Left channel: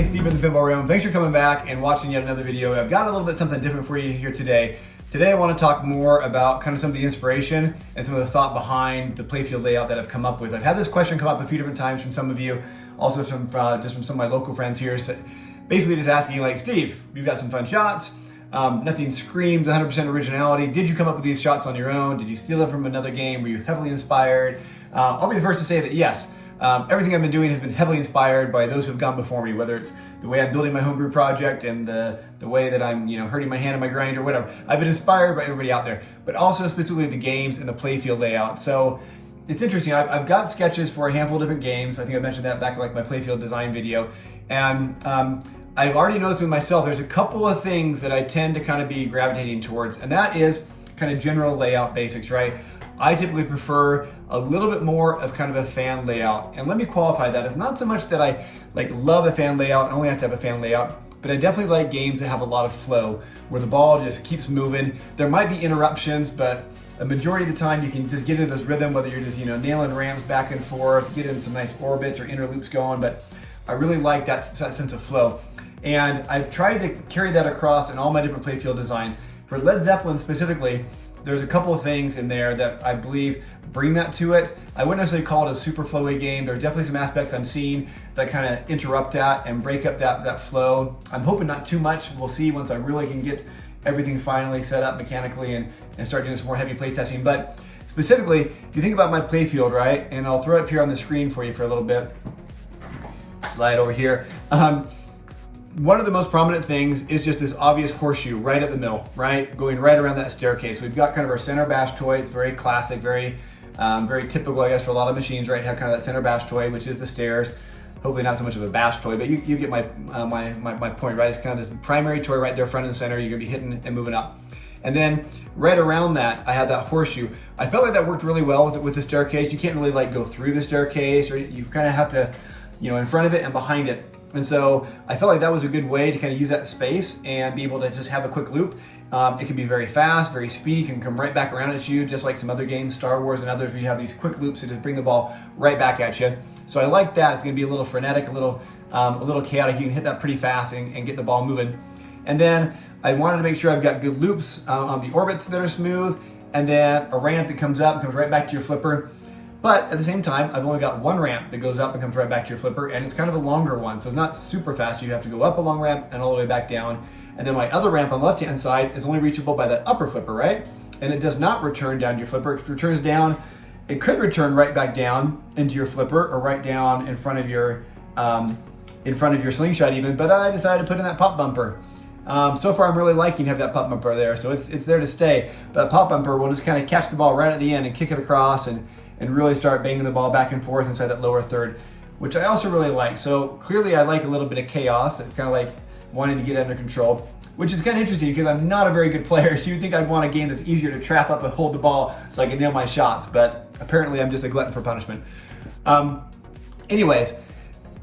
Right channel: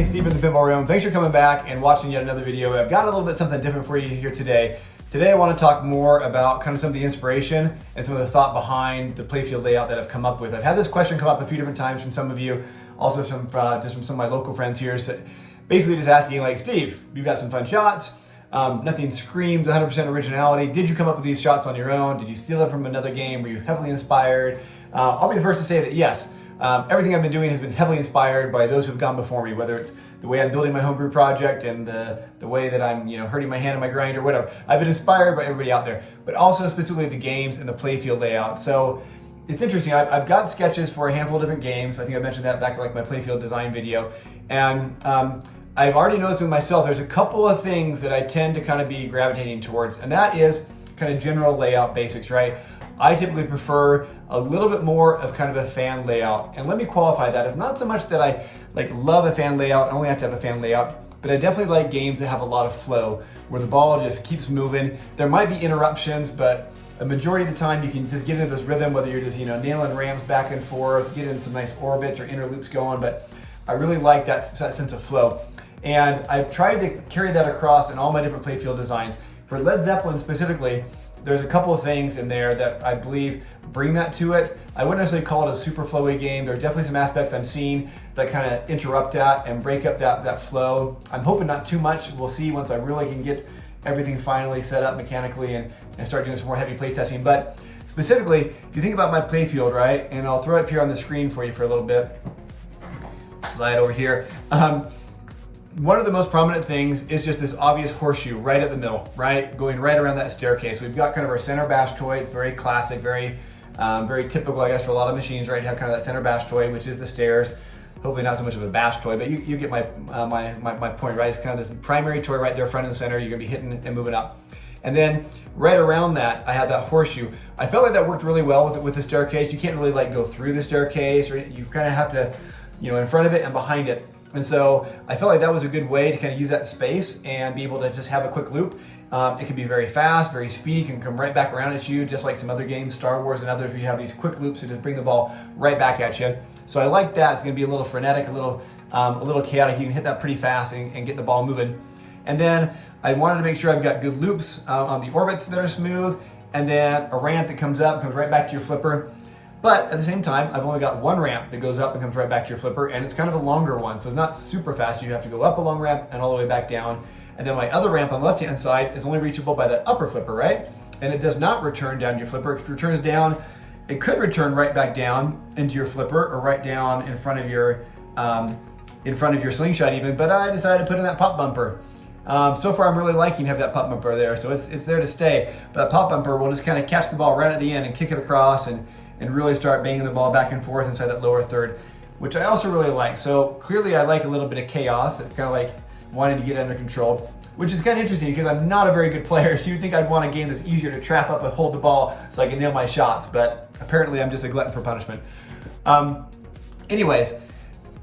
everybody, Steve in the Pinball Room. Thanks for coming back and watching yet another video. I've got a little bit something different for you here today. Today I want to talk more about kind of some of the inspiration and some of the thought behind the Playfield layout that I've come up with. I've had this question come up a few different times from some of you, also from just from some of my local friends here. So basically just asking like, Steve, you've got some fun shots. Nothing screams 100% originality. Did you come up with these shots on your own? Did you steal it from another game? Were you heavily inspired? I'll be the first to say that yes. Everything I've been doing has been heavily inspired by those who have gone before me, whether it's the way I'm building my homebrew project and the way that I'm hurting my hand on my grind or whatever. I've been inspired by everybody out there, but also specifically the games and the Playfield layout. So it's interesting. I've got sketches for a handful of different games. I think I mentioned that back in like my Playfield design video. And I've already noticed with myself, there's a couple of things that I tend to kind of be gravitating towards, and that is kind of general layout basics, right? I typically prefer a little bit more of kind of a fan layout. And let me qualify that. It's not so much that I like love a fan layout, I only have to have a fan layout, but I definitely like games that have a lot of flow, where the ball just keeps moving. There might be interruptions, but a majority of the time you can just get into this rhythm, whether you're just nailing ramps back and forth, get in some nice orbits or inner loops going, but I really like that sense of flow. And I've tried to carry that across in all my different Playfield designs. For Led Zeppelin specifically, there's a couple of things in there that I believe bring that to it. I wouldn't necessarily call it a super flowy game. There's definitely some aspects I'm seeing that kind of interrupt that and break up that flow. I'm hoping not too much. We'll see once I really can get everything finally set up mechanically and start doing some more heavy play testing. But specifically, if you think about my Playfield, right, and I'll throw it up here on the screen for you for a little bit. Slide over here. One of the most prominent things is just this obvious horseshoe right at the middle, right? Going right around that staircase. We've got kind of our center bash toy. It's very classic, very typical, I guess, for a lot of machines, right? Have kind of that center bash toy, which is the stairs. Hopefully not so much of a bash toy, but you get my point, right? It's kind of this primary toy right there, front and center. You're gonna be hitting and moving up. And then right around that, I have that horseshoe. I felt like that worked really well with the staircase. You can't really like go through the staircase, or you kind of have to, in front of it and behind it. And so I felt like that was a good way to kind of use that space and be able to just have a quick loop. It can be very fast, very speedy, can come right back around at you, just like some other games, Star Wars and others, where you have these quick loops that just bring the ball right back at you. So I like that. It's gonna be a little frenetic, a little chaotic. You can hit that pretty fast and get the ball moving. And then I wanted to make sure I've got good loops on the orbits that are smooth, and then a ramp that comes up and comes right back to your flipper. But at the same time, I've only got one ramp that goes up and comes right back to your flipper, and it's kind of a longer one, so it's not super fast. You have to go up a long ramp and all the way back down. And then my other ramp on the left-hand side is only reachable by that upper flipper, right? And it does not return down to your flipper. If it returns down, it could return right back down into your flipper or right down in front of your slingshot even, but I decided to put in that pop bumper. So far I'm really liking to have that pop bumper there, so it's there to stay. But that pop bumper will just kind of catch the ball right at the end and kick it across and really start banging the ball back and forth inside that lower third, which I also really like. So clearly I like a little bit of chaos. It's kind of like wanting to get under control, which is kind of interesting because I'm not a very good player. So you'd think I'd want a game that's easier to trap up and hold the ball so I can nail my shots, but apparently I'm just a glutton for punishment. Anyways,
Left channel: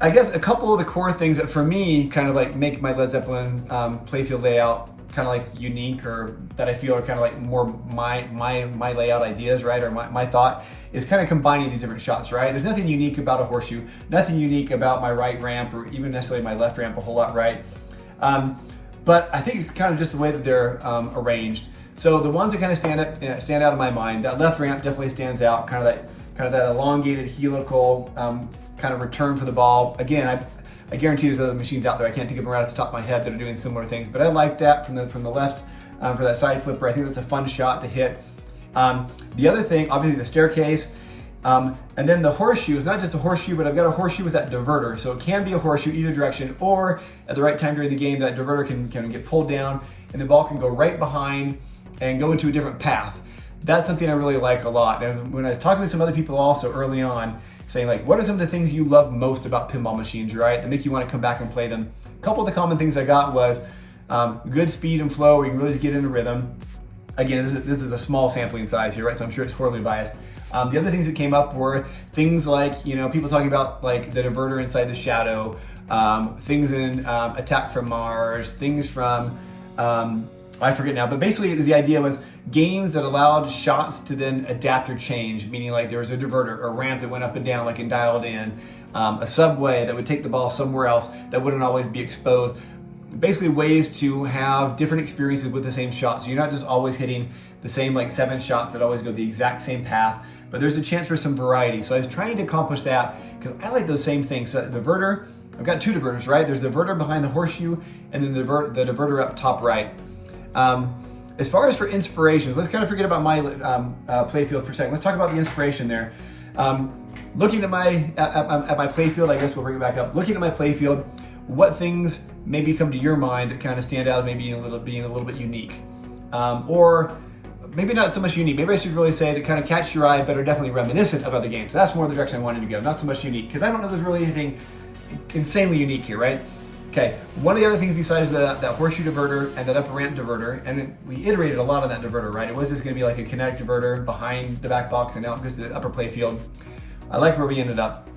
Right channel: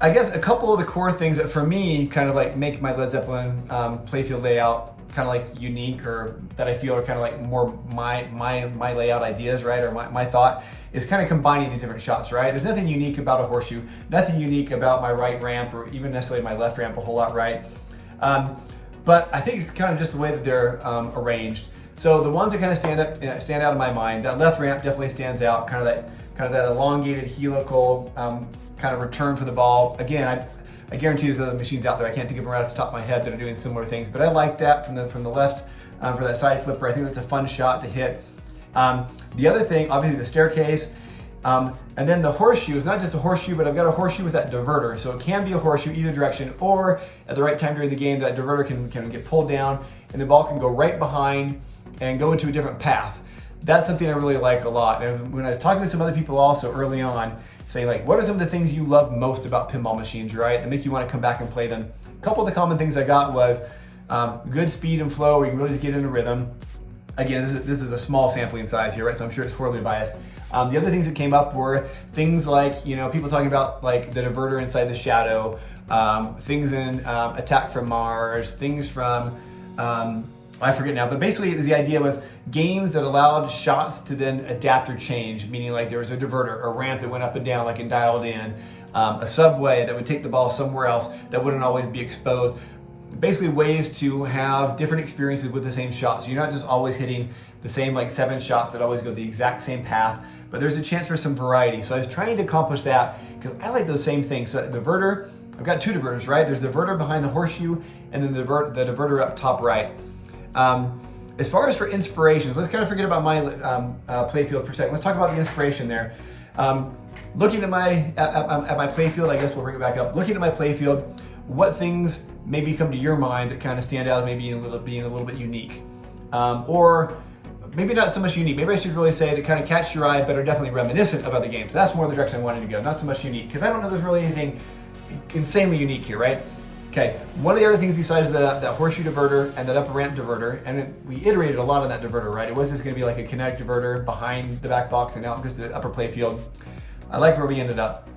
I guess a couple of the core things that for me kind of like make my Led Zeppelin Playfield layout kind of like unique, or that I feel are kind of like more my layout ideas, right? Or my thought is kind of combining these different shots, right? There's nothing unique about a horseshoe, nothing unique about my right ramp or even necessarily my left ramp a whole lot, right? But I think it's kind of just the way that they're arranged. So the ones that kind of stand out in my mind, that left ramp definitely stands out, kind of that elongated helical kind of return for the ball. Again, I guarantee there's other machines out there. I can't think of them right off the top of my head that are doing similar things, but I like that from the left for that side flipper. I think that's a fun shot to hit. The other thing, obviously the staircase, and then the horseshoe is not just a horseshoe, but I've got a horseshoe with that diverter. So it can be a horseshoe either direction, or at the right time during the game, that diverter can get pulled down and the ball can go right behind and go into a different path. That's something I really like a lot. And when I was talking with some other people also early on, saying like, what are some of the things you love most about pinball machines, right? That make you want to come back and play them. A couple of the common things I got was good speed and flow, where you can really just get into rhythm. Again, this is a small sampling size here, right? So I'm sure it's horribly biased. The other things that came up were things like, people talking about like the diverter inside the shadow, things in Attack from Mars, things from, I forget now, but basically the idea was games that allowed shots to then adapt or change, meaning like there was a diverter or ramp that went up and down like in Dialed In, a subway that would take the ball somewhere else that wouldn't always be exposed. Basically ways to have different experiences with the same shot. So you're not just always hitting the same like 7 shots that always go the exact same path, but there's a chance for some variety. So I was trying to accomplish that because I like those same things. So the diverter, I've got 2 diverters, right? There's the diverter behind the horseshoe and then the diverter up top right. As far as for inspirations, let's kind of forget about my playfield for a second. Let's talk about the inspiration there. Looking at my playfield, I guess we'll bring it back up. Looking at my playfield, what things maybe come to your mind that kind of stand out as maybe being a little bit unique? Or maybe not so much unique. Maybe I should really say that kind of catch your eye, but are definitely reminiscent of other games. That's more the direction I wanted to go, not so much unique, because I don't know there's really anything insanely unique here, right? Okay, one of the other things besides that horseshoe diverter and that upper ramp diverter, and we iterated a lot on that diverter, right? It was just gonna be like a kinetic diverter behind the back box and out goes to the upper playfield. I like where we ended up.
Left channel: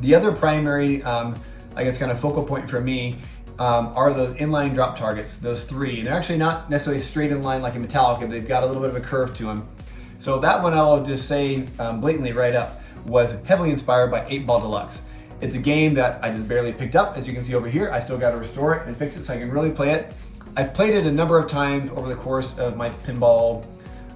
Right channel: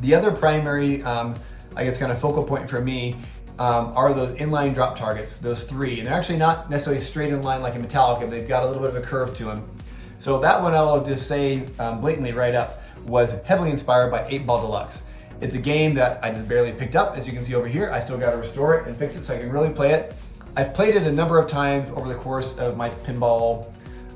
The other primary, I guess kind of focal point for me are those inline drop targets, those 3. And they're actually not necessarily straight in line like in Metallica, they've got a little bit of a curve to them. So that one I'll just say blatantly right up was heavily inspired by 8-Ball Deluxe. It's a game that I just barely picked up. As you can see over here, I still got to restore it and fix it so I can really play it. I've played it a number of times over the course of my pinball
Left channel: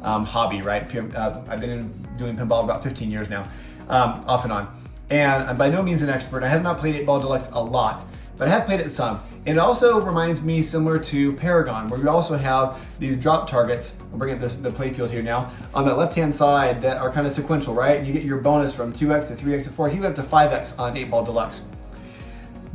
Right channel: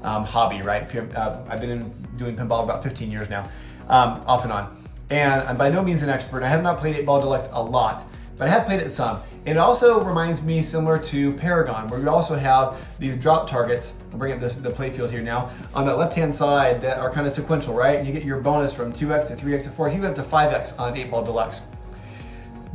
hobby, right? I've been doing pinball about 15 years now, off and on. And I'm by no means an expert. I have not played 8-Ball Deluxe a lot, but I have played it some. And it also reminds me similar to Paragon, where you also have these drop targets. I'm bringing up the playfield here now. On the left-hand side that are kind of sequential, right? And you get your bonus from 2x to 3x to 4x, even up to 5x on 8-Ball Deluxe.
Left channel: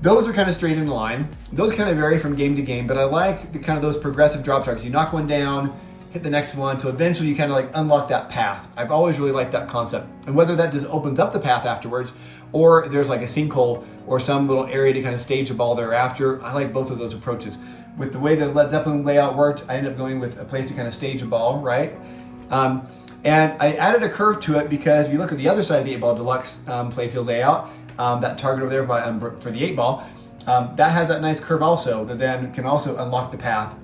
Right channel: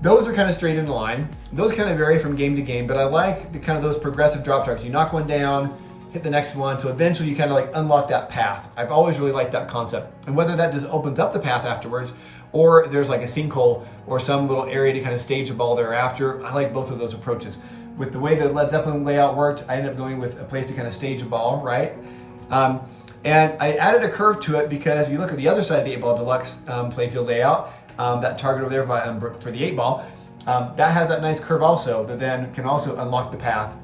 Those are kind of straight in line. Those kind of vary from game to game, but I like the kind of those progressive drop targets. You knock one down, hit the next one, so eventually you kind of like unlock that path. I've always really liked that concept. And whether that just opens up the path afterwards, or there's like a sinkhole or some little area to kind of stage a ball thereafter, I like both of those approaches. With the way the Led Zeppelin layout worked, I ended up going with a place to kind of stage a ball, right? And I added a curve to it because if you look at the other side of the 8-Ball Deluxe playfield layout, that target over there for the 8-ball, that has that nice curve also that then can also unlock the path.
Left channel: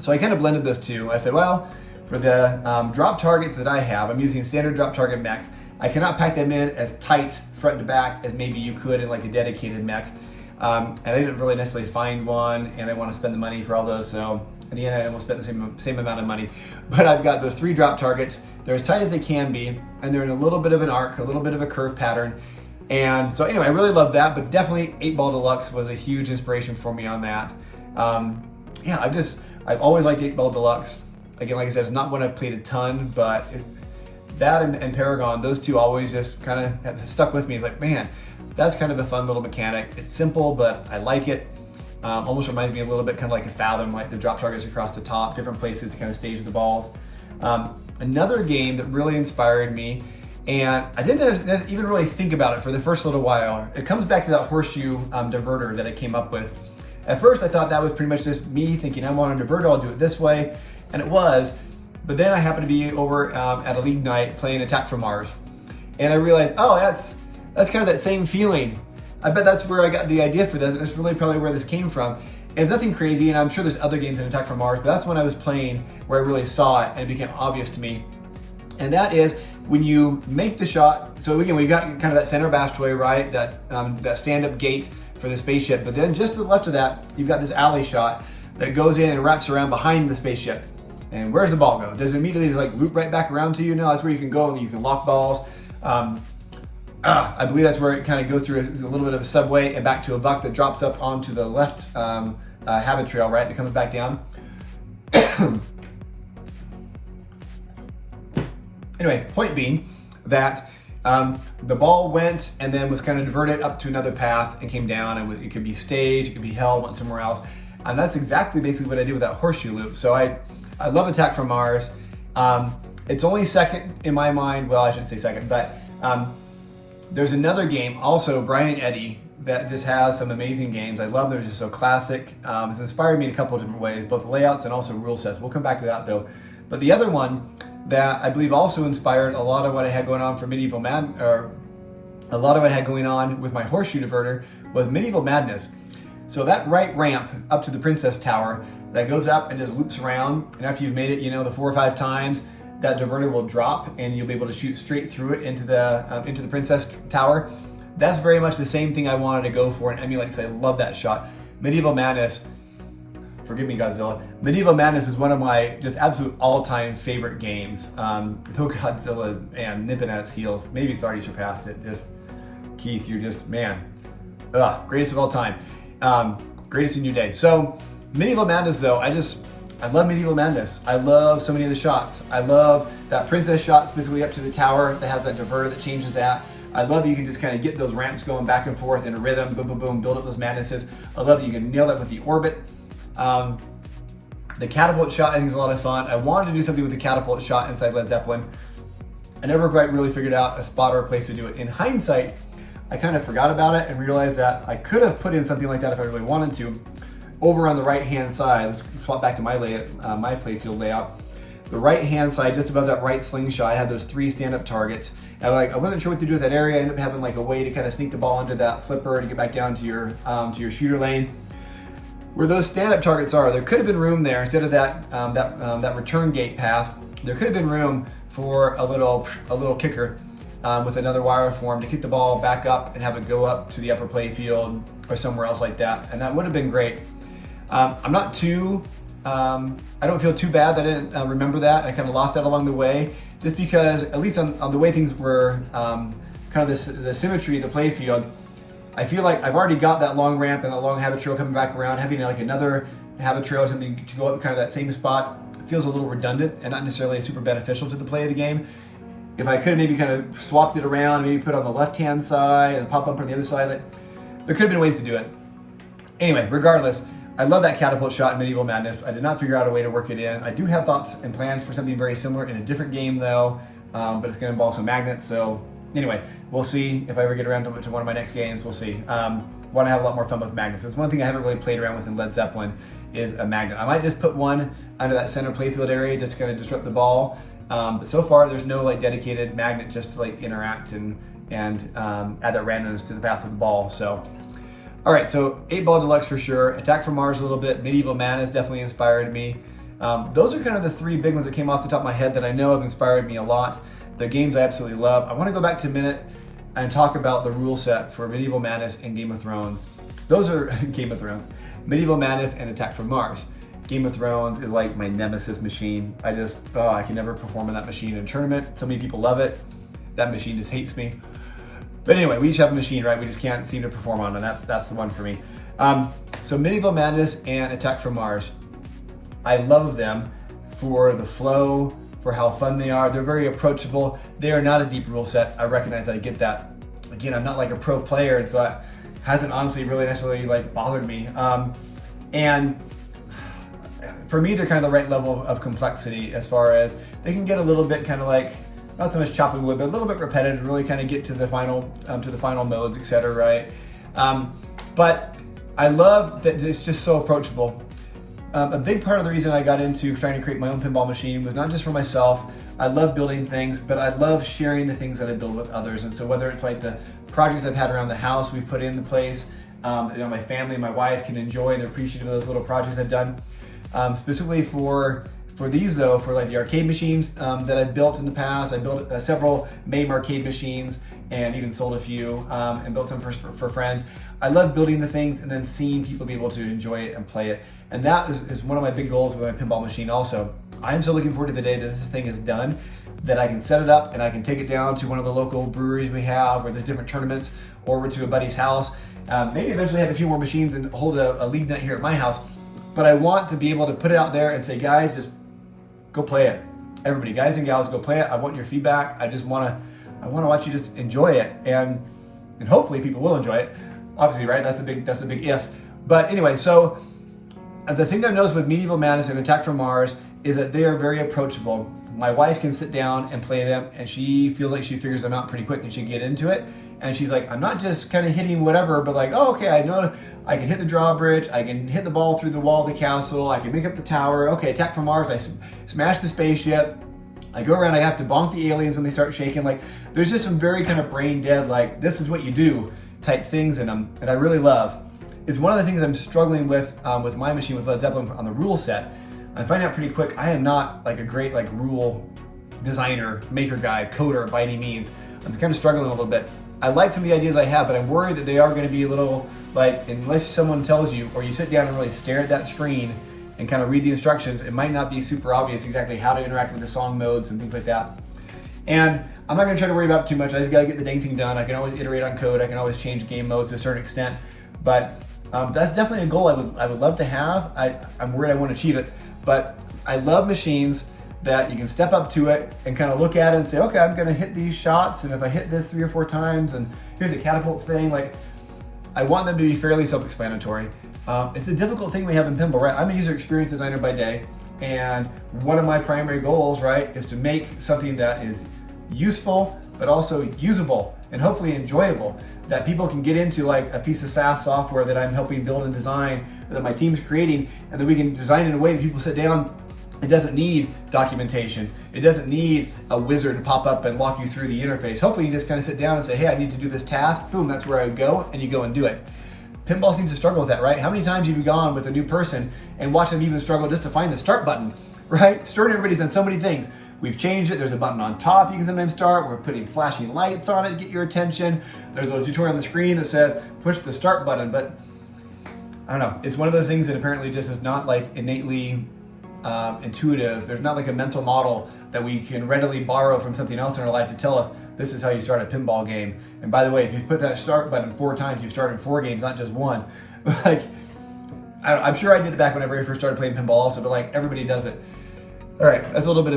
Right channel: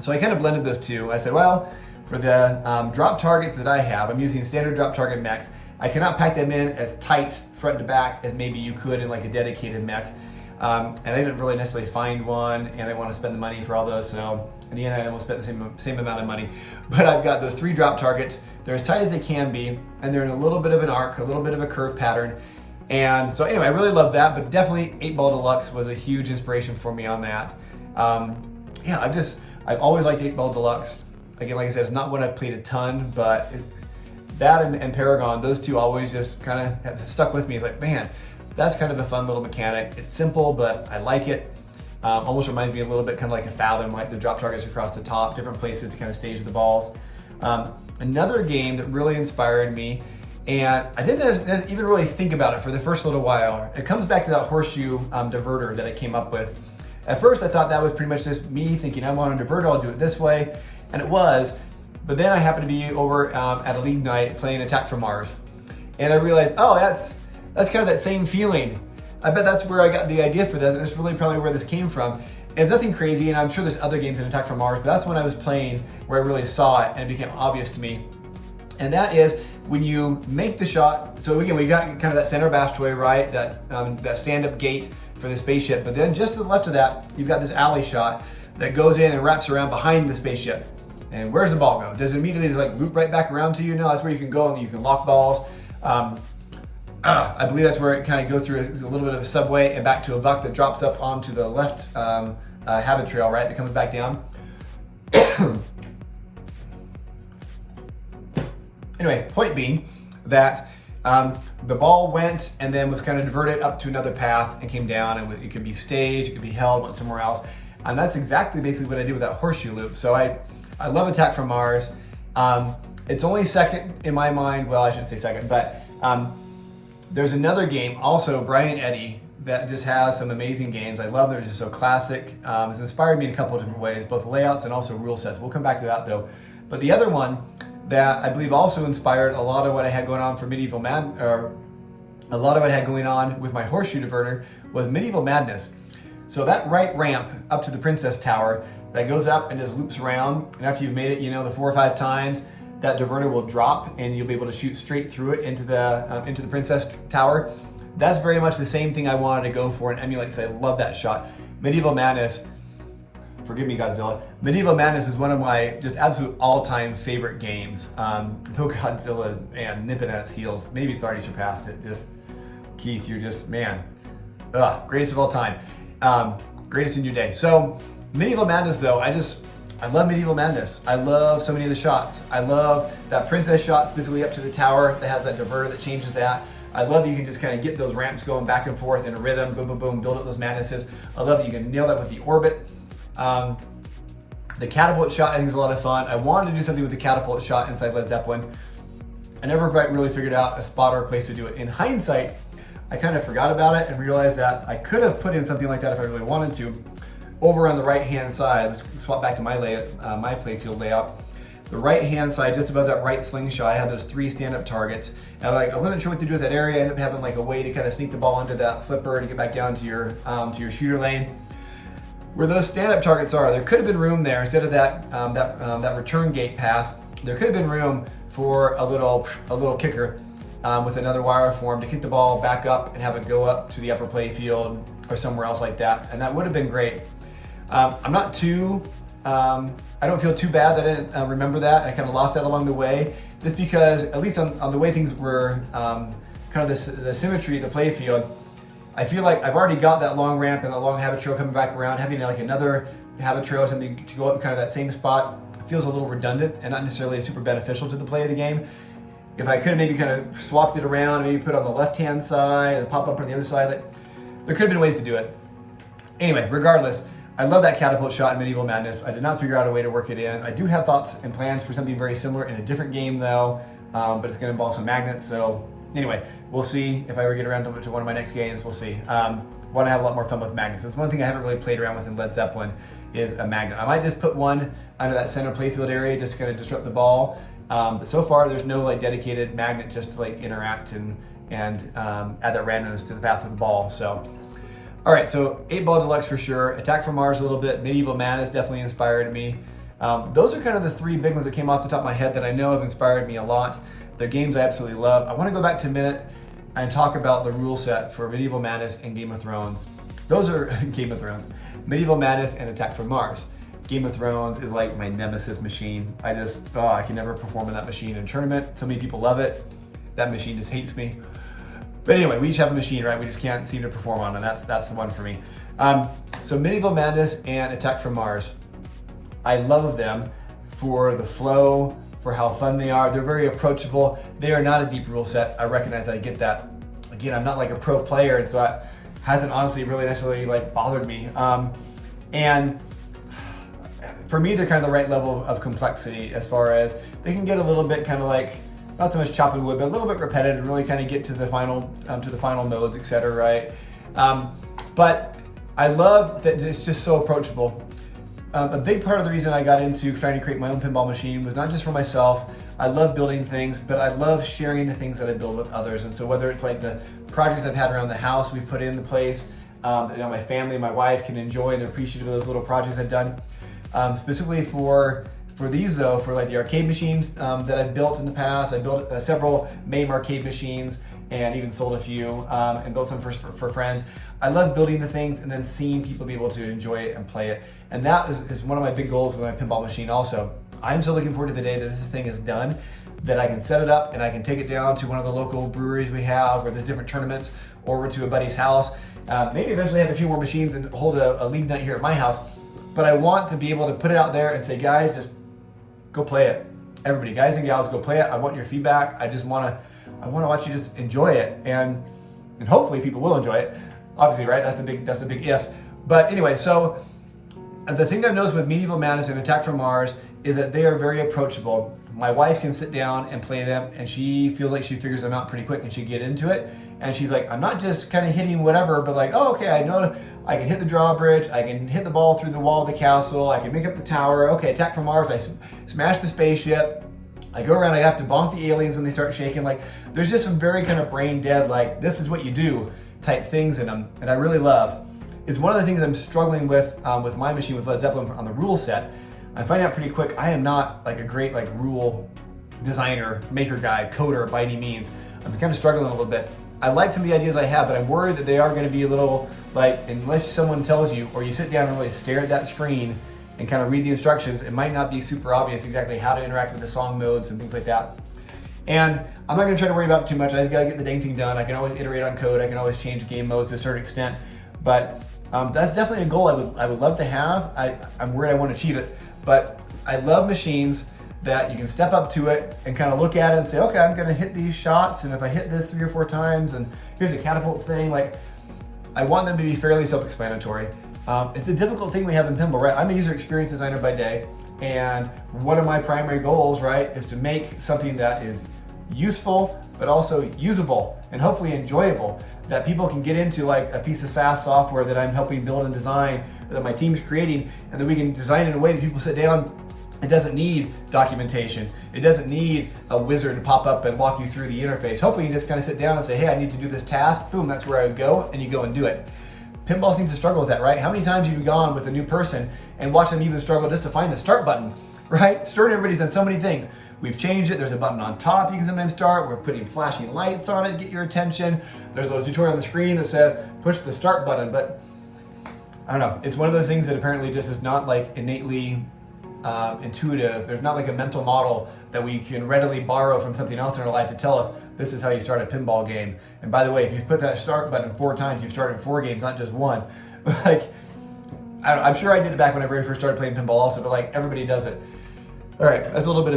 So I kind of blended those two. I said, well, for the drop targets that I have, I'm using standard drop target mechs. I cannot pack them in as tight front to back as maybe you could in like a dedicated mech. And I didn't really necessarily find one, and I want to spend the money for all those. So in the end, I almost spent the same amount of money. But I've got those 3 drop targets. They're as tight as they can be, and they're in a little bit of an arc, a little bit of a curve pattern. And so anyway, I really love that, but definitely 8-Ball Deluxe was a huge inspiration for me on that. Yeah, I've always liked 8-Ball Deluxe. Again, like I said, it's not one I've played a ton, but that and Paragon, those two always just kind of have stuck with me. It's like, man, that's kind of a fun little mechanic. It's simple, but I like it. Almost reminds me a little bit kind of like a Fathom, like the drop targets across the top, different places to kind of stage the balls. Another game that really inspired me, and I didn't even really think about it for the first little while. It comes back to that horseshoe diverter that I came up with. At first, I thought that was pretty much just me thinking, I want a diverter, I'll do it this way, and it was. But then I happened to be over at a league night playing Attack from Mars, and I realized, oh, that's kind of that same feeling. I bet that's where I got the idea for this. That's really probably where this came from. It's nothing crazy, and I'm sure there's other games in Attack from Mars, but that's when I was playing where I really saw it and it became obvious to me. And that is when you make the shot. So again, we got kind of that center bastway, right? That stand-up gate for the spaceship. But then just to the left of that, you've got this alley shot that goes in and wraps around behind the spaceship. And where's the ball go? Does it immediately just like loop right back around to you? No, that's where you can go and you can lock balls. I believe that's where it kind of goes through a little bit of a subway and back to a buck that drops up onto the left habit trail, right? That comes back down. Anyway, point being that the ball went and then was kind of diverted up to another path and came down, and it could be staged, it could be held, went somewhere else. And that's exactly basically what I did with that horseshoe loop. So I love Attack from Mars. It's only second in my mind. Well, I shouldn't say second, but there's another game, also Brian Eddy, that just has some amazing games. I love them, they're just so classic. It's inspired me in a couple of different ways, both layouts and also rule sets. We'll come back to that though. But the other one that I believe also inspired a lot of what I had going on for Medieval Madness, or a lot of what I had going on with my horseshoe diverter was Medieval Madness. So that right ramp up to the Princess Tower that goes up and just loops around, and after you've made it, the 4 or 5 times, that diverter will drop and you'll be able to shoot straight through it into the Princess Tower. that's very much the same thing I wanted to go for and emulate because I love that shot. Medieval Madness, forgive me Godzilla, Medieval Madness is one of my just absolute all-time favorite games. Though Godzilla is, man, nipping at its heels. Maybe it's already surpassed it. Just, Keith, you're just, man, greatest of all time. Greatest in your day. So Medieval Madness though, I love Medieval Madness. I love so many of the shots. I love that princess shot specifically up to the tower that has that diverter that changes that. I love that you can just kind of get those ramps going back and forth in a rhythm, boom, boom, boom, build up those madnesses. I love that you can nail that with the orbit. The catapult shot I think is a lot of fun. I wanted to do something with the catapult shot inside Led Zeppelin. I never quite really figured out a spot or a place to do it. In hindsight, I kind of forgot about it and realized that I could have put in something like that if I really wanted to. Over on the right-hand side, let's swap back to my layout, my playfield layout. The right-hand side, just above that right slingshot, I had those 3 stand-up targets. And I wasn't sure what to do with that area. I ended up having like a way to kind of sneak the ball into that flipper to get back down to your shooter lane. Where those stand-up targets are, there could have been room there instead of that return gate path. There could have been room for a little kicker with another wire form to kick the ball back up and have it go up to the upper playfield or somewhere else like that, and that would have been great. I'm not too, I don't feel too bad that I didn't remember that. I kind of lost that along the way, just because at least on the way things were, kind of the symmetry of the playfield, I feel like I've already got that long ramp and the long habit trail coming back around. Having like another habit trail or something to go up kind of that same spot feels a little redundant and not necessarily super beneficial to the play of the game. If I could have maybe kind of swapped it around, maybe put it on the left-hand side and pop up on the other side, there could have been ways to do it. Anyway, regardless, I love that catapult shot in Medieval Madness. I did not figure out a way to work it in. I do have thoughts and plans for something very similar in a different game though, but it's gonna involve some magnets. So anyway, we'll see if I ever get around to one of my next games, we'll see. Want to have a lot more fun with magnets. That's one thing I haven't really played around with in Led Zeppelin is a magnet. I might just put one under that center playfield area just to kind of disrupt the ball. But so far there's no like dedicated magnet just to like interact and add that randomness to the path of the ball. So, all right, so 8-Ball Deluxe for sure. Attack from Mars a little bit. Medieval Madness definitely inspired me. Those are kind of the 3 big ones that came off the top of my head that I know have inspired me a lot. They're games I absolutely love. I want to go back to a minute and talk about the rule set for Medieval Madness and Game of Thrones. Those are Game of Thrones. Medieval Madness and Attack from Mars. Game of Thrones is like my Nemesis Machine. I can never perform in that machine in a tournament. So many people love it. That machine just hates me. But anyway, we each have a machine, right? We just can't seem to perform on, and that's the one for me. So Medieval Madness and Attack from Mars. I love them for the flow, for how fun they are. They're very approachable. They are not a deep rule set. I recognize that, I get that. Again, I'm not like a pro player, and so that hasn't honestly really necessarily like bothered me. And for me, they're kind of the right level of complexity as far as they can get a little bit kind of like, not so much chopping wood, but a little bit repetitive, really kind of get to the final modes, etc. Right? But I love that it's just so approachable. A big part of the reason I got into trying to create my own pinball machine was not just for myself. I love building things, but I love sharing the things that I build with others. And so whether it's like the projects I've had around the house we've put into place, my family, my wife can enjoy and appreciate those little projects I've done. Specifically for these though, for like the arcade machines that I've built in the past, I built several MAME arcade machines and even sold a few and built some for friends. I love building the things and then seeing people be able to enjoy it and play it. And that is one of my big goals with my pinball machine also. I'm so looking forward to the day that this thing is done, that I can set it up and I can take it down to one of the local breweries we have where there's different tournaments, or over to a buddy's house. Maybe eventually have a few more machines and hold a league night here at my house. But I want to be able to put it out there and say, guys, just go play it. Everybody, guys and gals, go play it. I want your feedback. I want to watch you just enjoy it, and hopefully people will enjoy it. Obviously, right? That's the big if. But anyway, so the thing I've noticed with Medieval Madness and Attack from Mars is that they are very approachable. My wife can sit down and play them, and she feels like she figures them out pretty quick and she can get into it. And she's like, I'm not just kind of hitting whatever, but like, oh, okay, I know I can hit the drawbridge, I can hit the ball through the wall of the castle, I can make up the tower. Okay, Attack from Mars, I smash the spaceship. I go around, I have to bonk the aliens when they start shaking. Like, there's just some very kind of brain dead, like, this is what you do type things in them, and I really love. It's one of the things I'm struggling with my machine with Led Zeppelin on the rule set. I'm finding out pretty quick, I am not like a great like rule designer, maker guy, coder by any means. I'm kind of struggling a little bit. I like some of the ideas I have, but I'm worried that they are going to be a little, like, unless someone tells you, or you sit down and really stare at that screen and kind of read the instructions, it might not be super obvious exactly how to interact with the song modes and things like that. And I'm not going to try to worry about it too much. I just got to get the dang thing done. I can always iterate on code. I can always change game modes to a certain extent. But that's definitely a goal I would love to have. I'm worried I won't achieve it. But I love machines that you can step up to it and kind of look at it and say, okay, I'm going to hit these shots. And if I hit this 3 or 4 times, and here's a catapult thing, like, I want them to be fairly self-explanatory. It's a difficult thing we have in pinball, right? I'm a user experience designer by day. And one of my primary goals, right, is to make something that is useful, but also usable and hopefully enjoyable, that people can get into, like a piece of SaaS software that I'm helping build and design, that my team's creating, and then we can design it in a way that people sit down. It doesn't need documentation. It doesn't need a wizard to pop up and walk you through the interface. Hopefully you just kind of sit down and say, hey, I need to do this task. Boom, that's where I would go, and you go and do it. Pinball seems to struggle with that, right? How many times have you gone with a new person and watched them even struggle just to find the start button, right? Start, everybody's done so many things. We've changed it. There's a button on top you can sometimes start. We're putting flashing lights on it to get your attention. There's a little tutorial on the screen that says push the start button, but I don't know. It's one of those things that apparently just is not like innately intuitive. There's not like a mental model that we can readily borrow from something else in our life to tell us this is how you start a pinball game. And by the way, if you put that start button 4 times, you've started 4 games, not just 1. Like, I'm sure I did it back when I very first started playing pinball also, but like everybody does it. All right, that's a little bit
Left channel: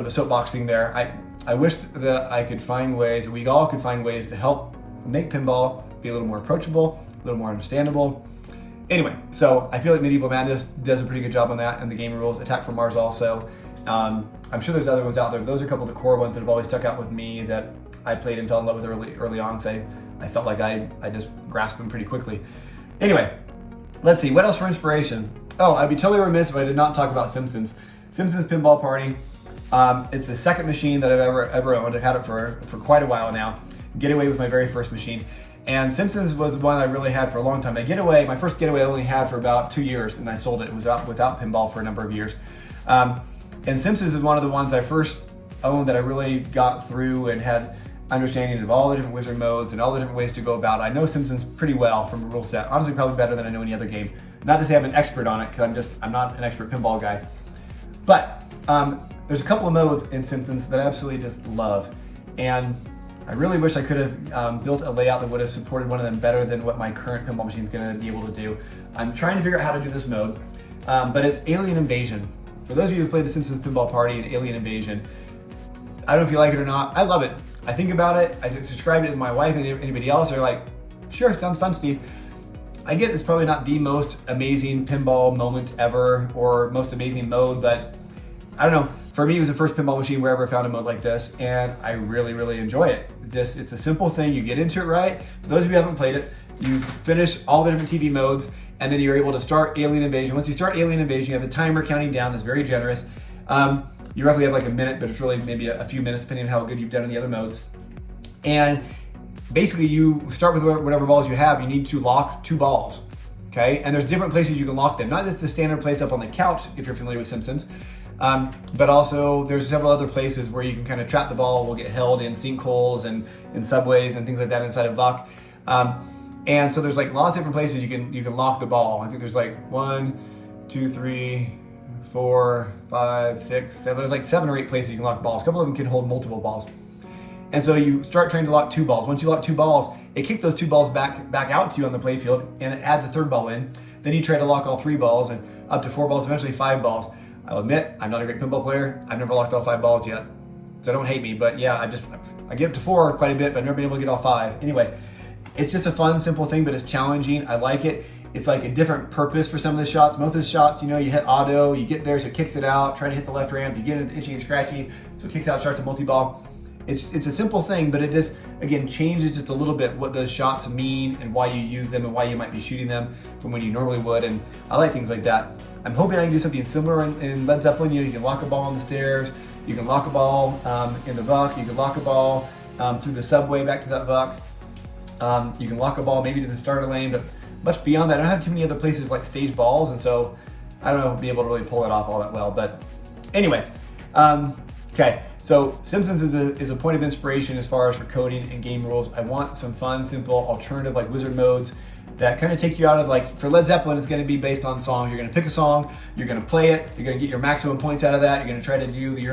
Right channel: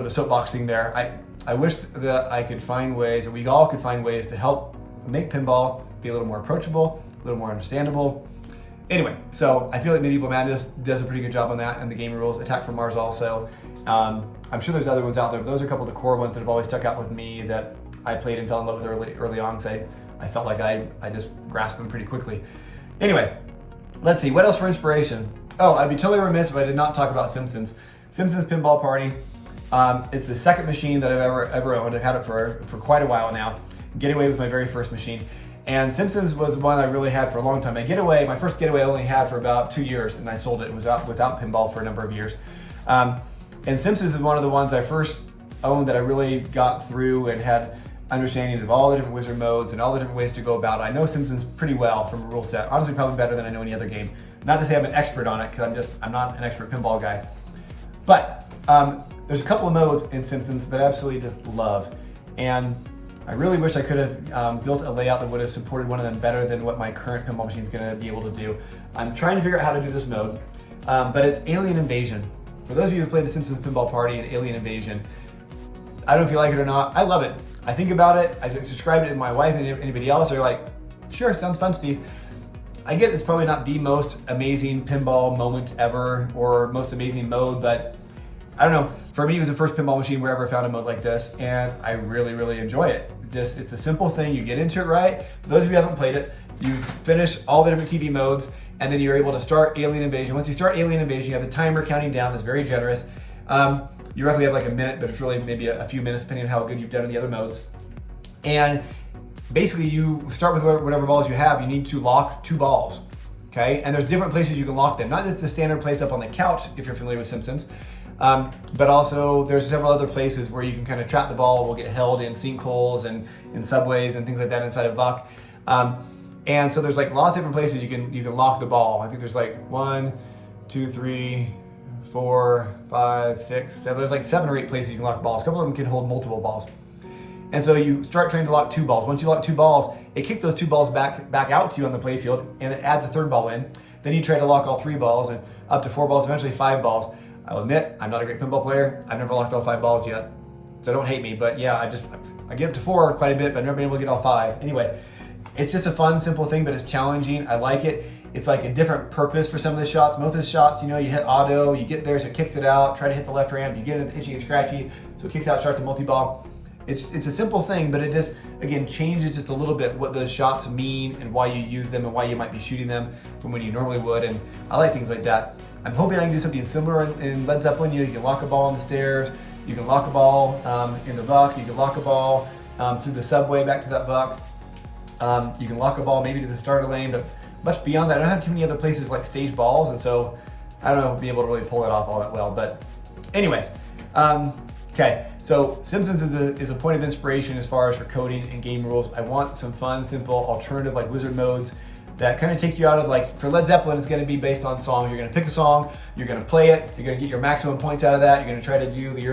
of a soapbox thing there. I wish that I could find ways, that we all could find ways to help make pinball be a little more approachable, a little more understandable. Anyway, so I feel like Medieval Madness does a pretty good job on that, and the game rules. Attack from Mars also. I'm sure there's other ones out there, but those are a couple of the core ones that have always stuck out with me that I played and fell in love with early on, because I felt like I just grasped them pretty quickly. Anyway, let's see, what else for inspiration? Oh, I'd be totally remiss if I did not talk about Simpsons. Simpsons Pinball Party. It's the second machine that I've ever owned. I've had it for quite a while now. Getaway was my very first machine. And Simpsons was one I really had for a long time. My first Getaway I only had for about 2 years, and I sold it. It was out without pinball for a number of years. And Simpsons is one of the ones I first owned that I really got through and had understanding of all the different wizard modes and all the different ways to go about it. I know Simpsons pretty well from a rule set. Honestly, probably better than I know any other game. Not to say I'm an expert on it, because I'm not an expert pinball guy. But there's a couple of modes in Simpsons that I absolutely just love. And I really wish I could have built a layout that would have supported one of them better than what my current pinball machine is going to be able to do. I'm trying to figure out how to do this mode, but it's Alien Invasion. For those of you who played the Simpsons Pinball Party and Alien Invasion, I don't know if you like it or not. I love it. I think about it. I describe it to my wife and anybody else. They're like, sure, sounds fun, Steve. I get it's probably not the most amazing pinball moment ever or most amazing mode, but I don't know. For me, it was the first pinball machine where I ever found a mode like this, and I really, really enjoy it. It's a simple thing. You get into it right. For those of you who haven't played it, you finish all the different TV modes, and then you're able to start Alien Invasion. Once you start Alien Invasion, you have a timer counting down that's very generous. You roughly have like a minute, but it's really maybe a few minutes depending on how good you've done in the other modes. And basically you start with whatever balls you have. You need to lock 2 balls, okay? And there's different places you can lock them. Not just the standard place up on the couch, if you're familiar with Simpsons, but also there's several other places where you can kind of trap the ball, will get held in sinkholes and in subways and things like that inside of VUC. And so there's like lots of different places you can lock the ball. I think there's like 1, 2, 3, 4, 5, 6, 7. There's like 7 or 8 places you can lock balls. A couple of them can hold multiple balls. And so you start trying to lock 2 balls. Once you lock 2 balls, it kicks those 2 balls back out to you on the playfield, and it adds a 3rd ball in. Then you try to lock all 3 balls and up to 4 balls, eventually 5 balls. I'll admit, I'm not a great pinball player. I've never locked all 5 balls yet, so don't hate me. But yeah, I get up to 4 quite a bit, but I've never been able to get all 5. Anyway, it's just a fun, simple thing, but it's challenging. I like it. It's like a different purpose for some of the shots. Most of the shots, you hit auto, you get there, so it kicks it out. Try to hit the left ramp, you get it itchy and scratchy, so it kicks out, starts a multi-ball. It's a simple thing, but it just, again, changes just a little bit what those shots mean and why you use them and why you might be shooting them from when you normally would, and I like things like that. I'm hoping I can do something similar in Led Zeppelin. You can lock a ball on the stairs, you can lock a ball in the VUC, you can lock a ball through the subway back to that VUC. You can lock a ball maybe to the starter lane, but much beyond that, I don't have too many other places like stage balls, and so I don't know if I'll be able to really pull it off all that well. But anyways, Okay, so Simpsons is a point of inspiration as far as for coding and game rules. I want some fun, simple, alternative like wizard modes that kind of take you out of, like, for Led Zeppelin, it's going to be based on songs. You're going to pick a song, you're going to play it, you're going to get your maximum points out of that. You're going to try to do the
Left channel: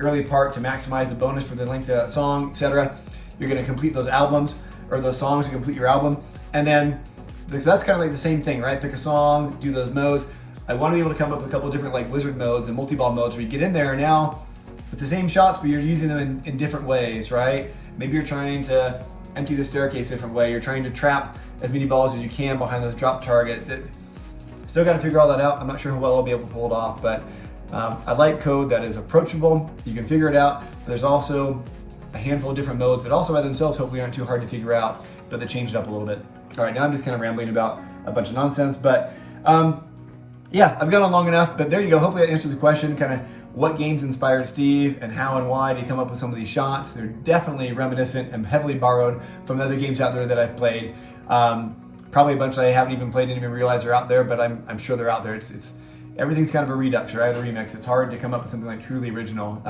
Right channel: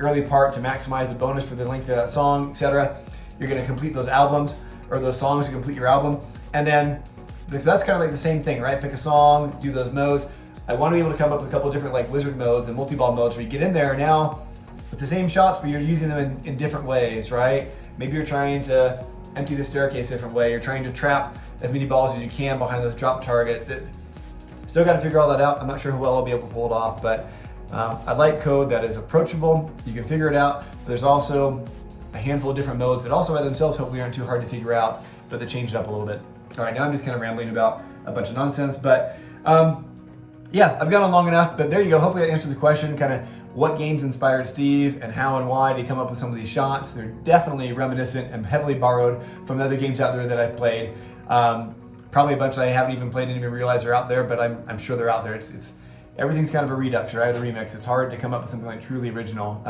early part to maximize the bonus for the length of that song, etc. You're going to complete those albums or those songs to complete your album, and then that's kind of like the same thing, right? Pick a song, do those modes. I want to be able to come up with a couple of different like wizard modes and multi-ball modes where you get in there and now it's the same shots, but you're using them in different ways, right? Maybe you're trying to empty the staircase a different way. You're trying to trap as many balls as you can behind those drop targets. Still got to figure all that out. I'm not sure how well I'll be able to pull it off, but I like code that is approachable. You can figure it out. But there's also a handful of different modes that also by themselves hopefully aren't too hard to figure out, but they change it up a little bit. All right, now I'm just kind of rambling about a bunch of nonsense, but yeah, I've gone on long enough, but there you go. Hopefully that answers the question, kind of what games inspired Steve and how and why did he come up with some of these shots. They're definitely reminiscent and heavily borrowed from other games out there that I've played. Probably a bunch that I haven't even played and even realize are out there, but I'm sure they're out there. It's everything's kind of a redux, right? A remix. It's hard to come up with something like truly original.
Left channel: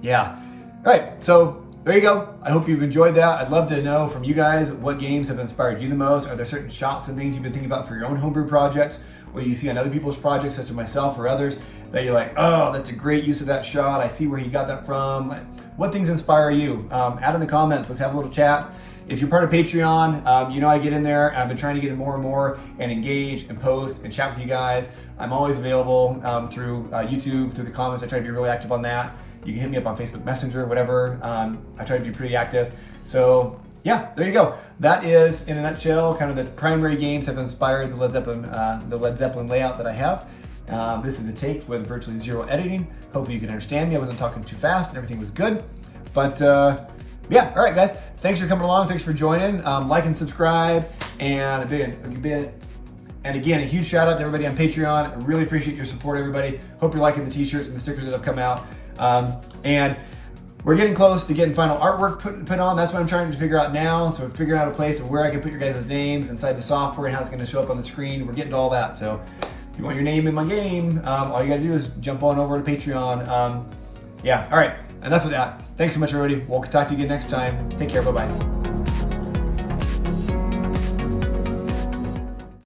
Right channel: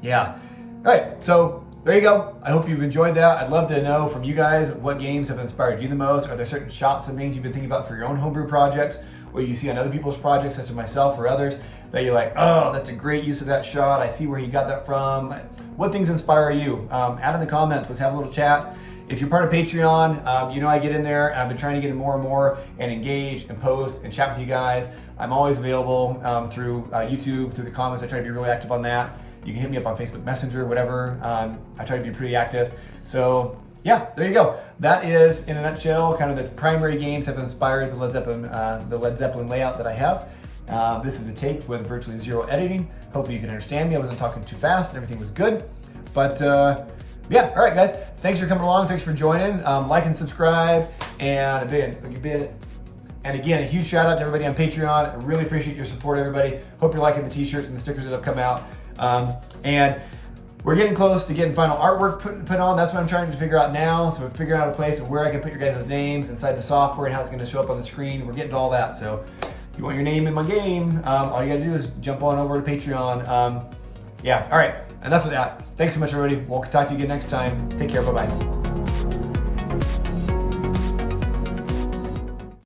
Yeah. All right, so there you go. I hope you've enjoyed that. I'd love to know from you guys what games have inspired you the most. Are there certain shots and things you've been thinking about for your own homebrew projects, or you see on other people's projects, such as myself or others, that you're like, oh, that's a great use of that shot. I see where he got that from. What things inspire you? Add in the comments. Let's have a little chat. If you're part of Patreon, you know I get in there. I've been trying to get in more and more and engage and post and chat with you guys. I'm always available through YouTube, through the comments. I try to be really active on that. You can hit me up on Facebook Messenger, whatever. I try to be pretty active. So yeah, there you go. That is, in a nutshell, kind of the primary games that have inspired the Led Zeppelin layout that I have. This is a take with virtually zero editing. Hopefully you can understand me. I wasn't talking too fast and everything was good. But yeah, all right, guys. Thanks for coming along. Thanks for joining. Like and subscribe. And again, a huge shout out to everybody on Patreon. I really appreciate your support, everybody. Hope you're liking the t-shirts and the stickers that have come out. And we're getting close to getting final artwork put on. That's what I'm trying to figure out now. So we're figuring out a place of where I can put your guys' names inside the software and how it's going to show up on the screen. We're getting to all that. So if you want your name in my game, all you got to do is jump on over to Patreon. Yeah, all right, enough of that. Thanks so much, everybody. We'll talk to you again next time. Take care. Bye-bye.